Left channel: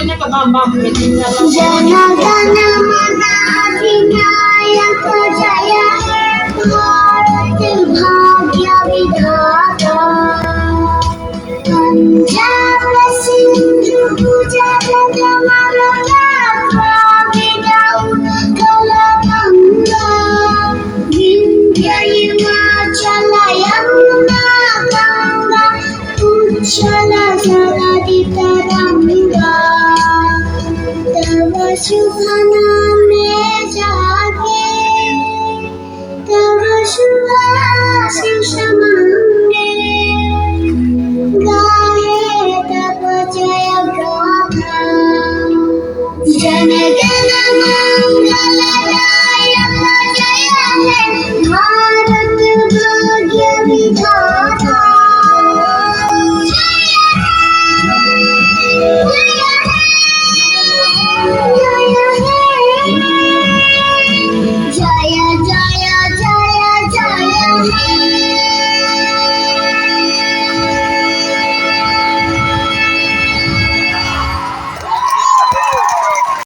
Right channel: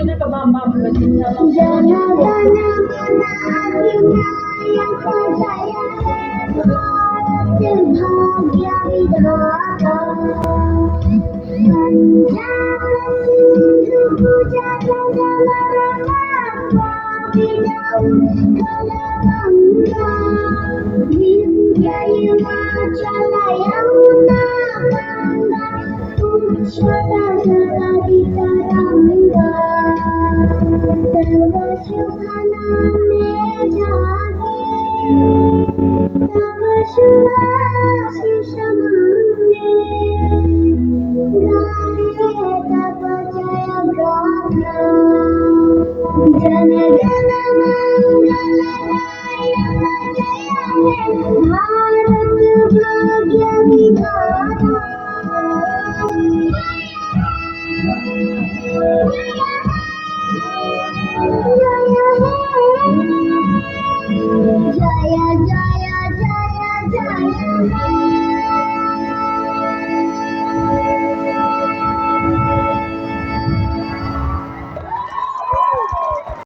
जनगण अधिनायक जय हे भारत भाग्य विधाता पंजाब सिंधु गुजरात मराठा द्राविड उत्कल गंगा विंध्य हिमाचल यमुना गंगा उच्छल जलधि तरंगा तव शुभ नामे जागे तव शुभ